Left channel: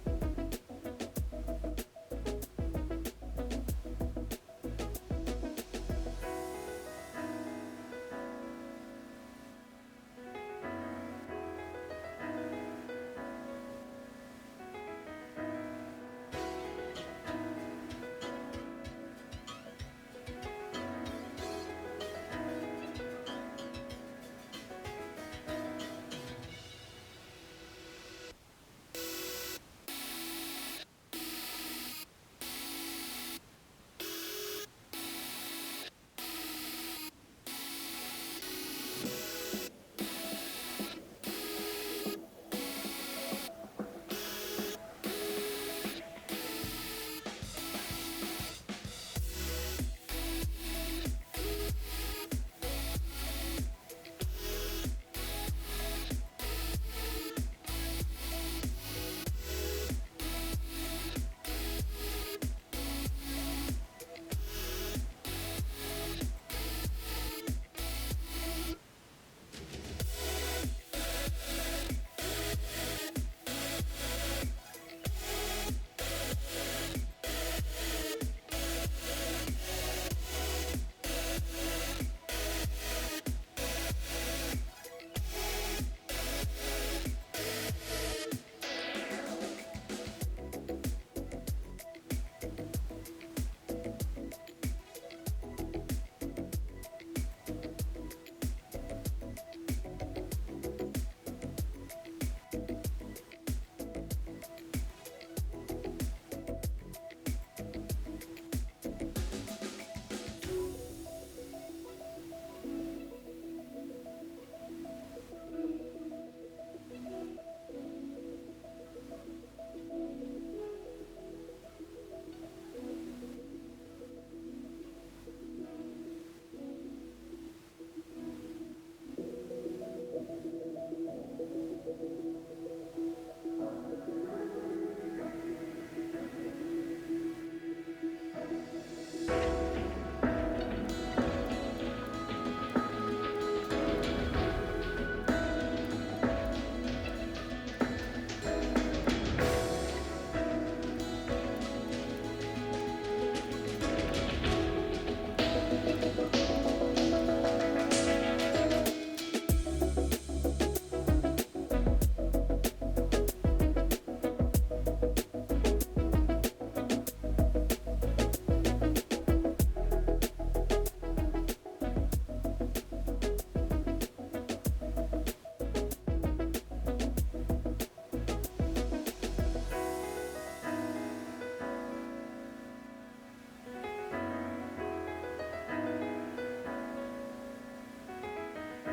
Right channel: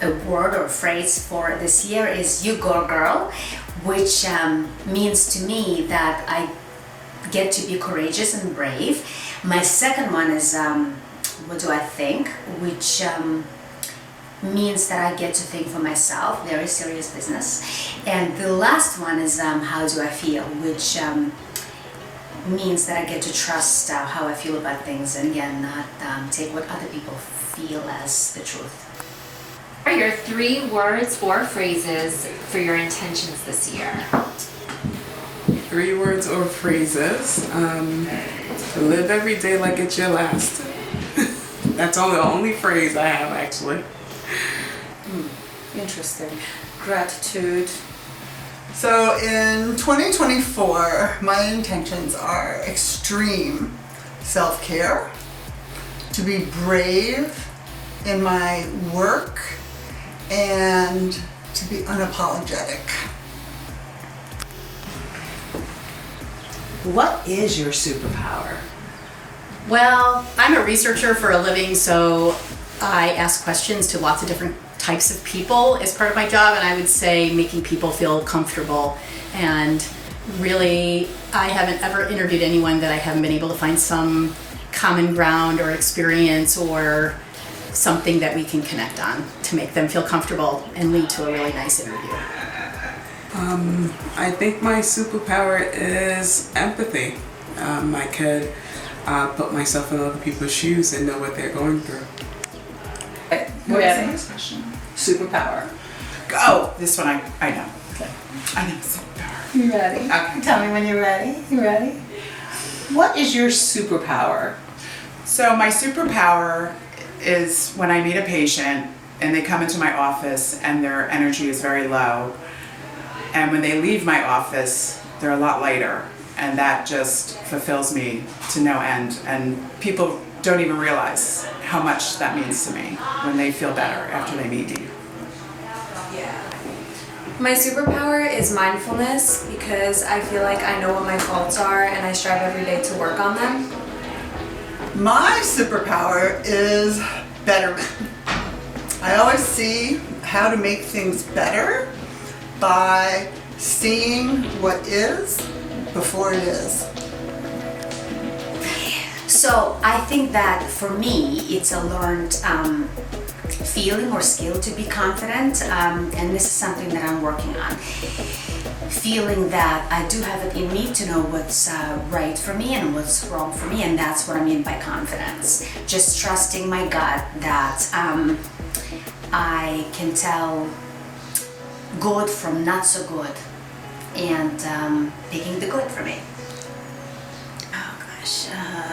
a word or phrase for this year is "You Go Girl," which means to me that I get to be courageous and brave. My second one is "What do I think?" which means that I get to think for myself, very serious business. And the last one is "How do I feel?" which means that I get to trust how I feel about things, and again, not take what other people feel as the truth. What are your 3 words or phrases for your intentions this year? 3 words or phrases. Live every day like it's your last. That's the only phrase I have, actually. Interesting. Gratitude. So in 2024, my intentions are extreme self-care, to be brave in my work, and to be unapologetic. What is your superpower? Well, I'm a researcher for a living, so I ask questions to lots of different types of people as part of my job, and I would say making people feel comfortable. And really, I haven't ever interviewed anyone that I haven't been able to find some common ground or experience or something that we can connect on to make them feel comfortable and lead to a really nice interview. I think my superpower is empathy. I could put myself in other people's shoes and know what they're going through. What is the next question? Superpower. Oh, this one I know. Okay. I know superpower. You ready? Okay. Tell me when you're ready. You ready? What is your superpower? So my superpower is when I meet a patient and they come into my office and their energy is very low, and when they leave my office, they're a lot lighter, and that just fulfills me to no end. And people don't even realize how much that means to me when they feel better after they meet me. My superpower is mindfulness, because I feel like I know what my faults are and I strive every day to work on them. My superpower is betterment. I always see how to make things better by seeing what is before it is. So I think that for me, it's a learned feeling or skill to be confident, and this is something that I'm working on. Feeling that I do have it in me to know what's right for me and what's wrong for me, and that's what I mean by confidence. Just trusting my gut that I can tell good from not so good, and picking the good for me.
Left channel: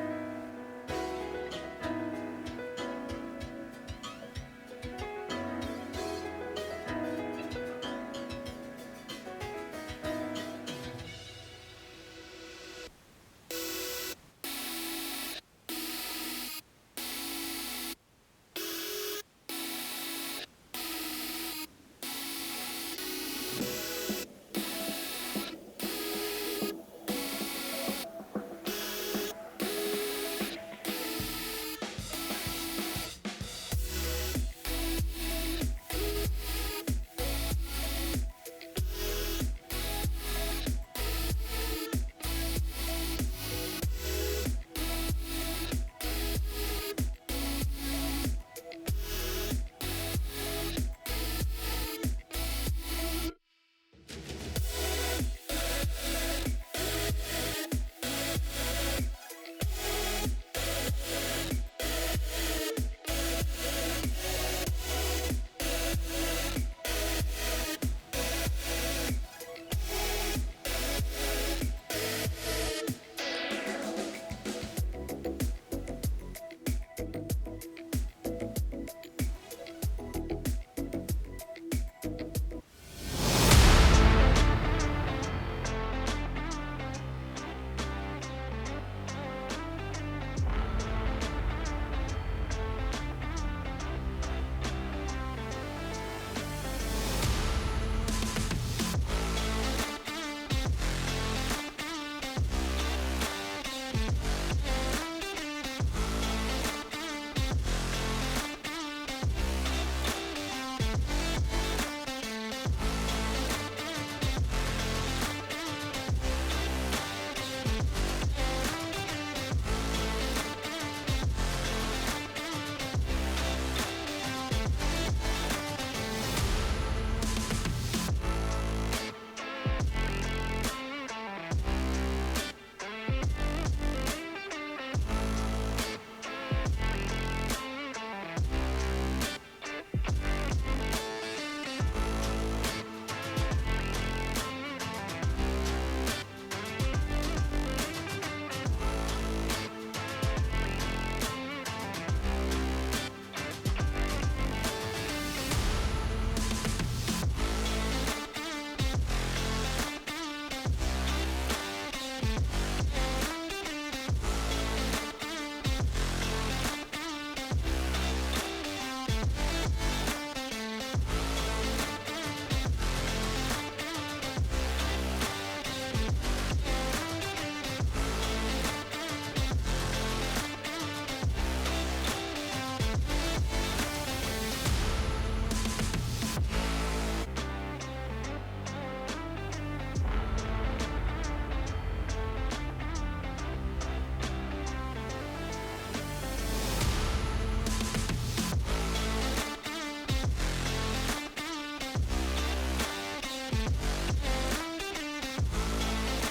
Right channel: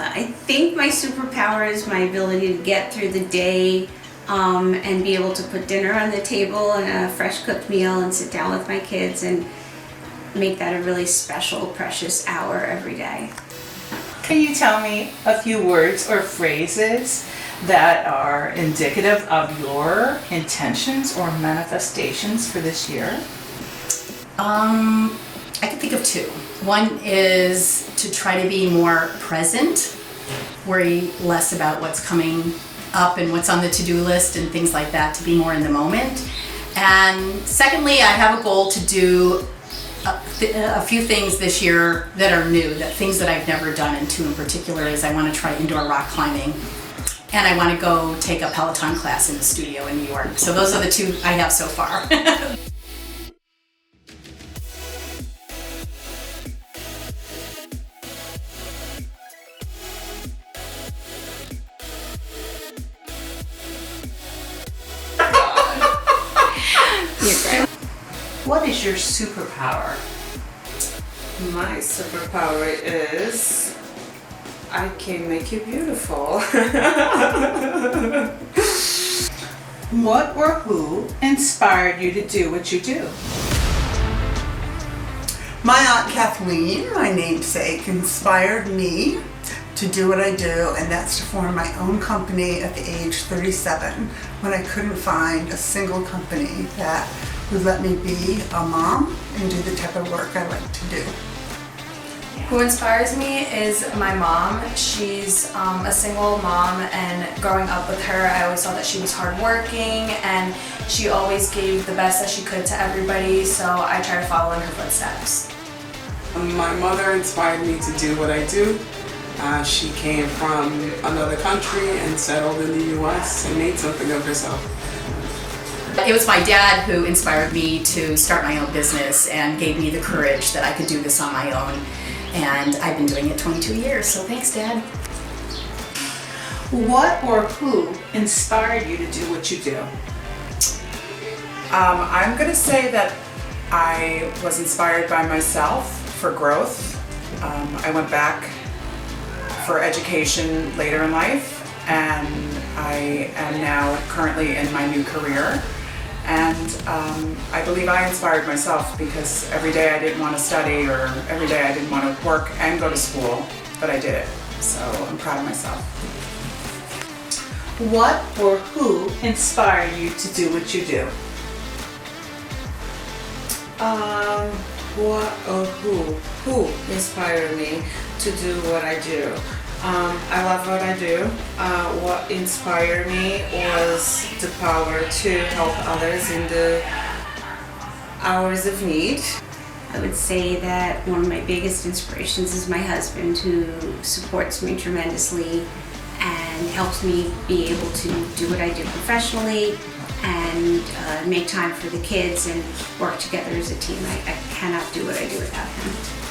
I think my superpower is my ability to get through the day and be able to put dinner on the table and a fresh cooked meal and sit down with my kids and make that a really special, precious hour every day. Can you tell me a few words or phrases that are indicative of your intentions or manifestations for this year? I can think of 2. One is to try to be more present, worry less about what's coming up and what's on the to-do list and things like that, to be more in the moment. And secondly, I have a goal to do a few things this year that are new, things that I've never done, and 2 in particular is I want to try indoor rock climbing, and I want to go take a Peloton class in the studio in New York. So those are the 2 I have so far. What is your superpower? My superpower is I can make you beautiful. What or who inspired you to do what you do? My Aunt Kathleen, my namesake, inspired me to do what I do, and that's to form my own company at the age 37, when I couldn't find a single company that would let me be a mom and do the type of work I like to do. Who inspires me is my mom. She's a single mom, and growing up with her, I always saw that she was hardworking and she always gave the best that she could to everybody, so I try to follow in her footsteps. My mother inspired me to do what I do. She came from another country and settled in the US and made something of herself. It was my dad who inspired me to start my own business and gave me the courage that I could do this on my own. And I've been doing it 22 years, so thanks, Dad. What or who inspired you to do what you do? I'm gonna say that I was inspired by myself for growth. I went back for education later in life, and I am now currently in my new career. And I believe I inspired myself because every day I didn't want to study, or every day I didn't want to work and go to school, but I did it. So I'm proud of myself. What or who inspired you to do what you do? What or who inspired me to do what I do? I love what I do. What inspired me was the power to help others in the hours of need. I would say that one of my biggest inspirations is my husband, who supports me tremendously and helps me be able to do what I do professionally and make time for the kids and work together as a team. I cannot do what I do without him.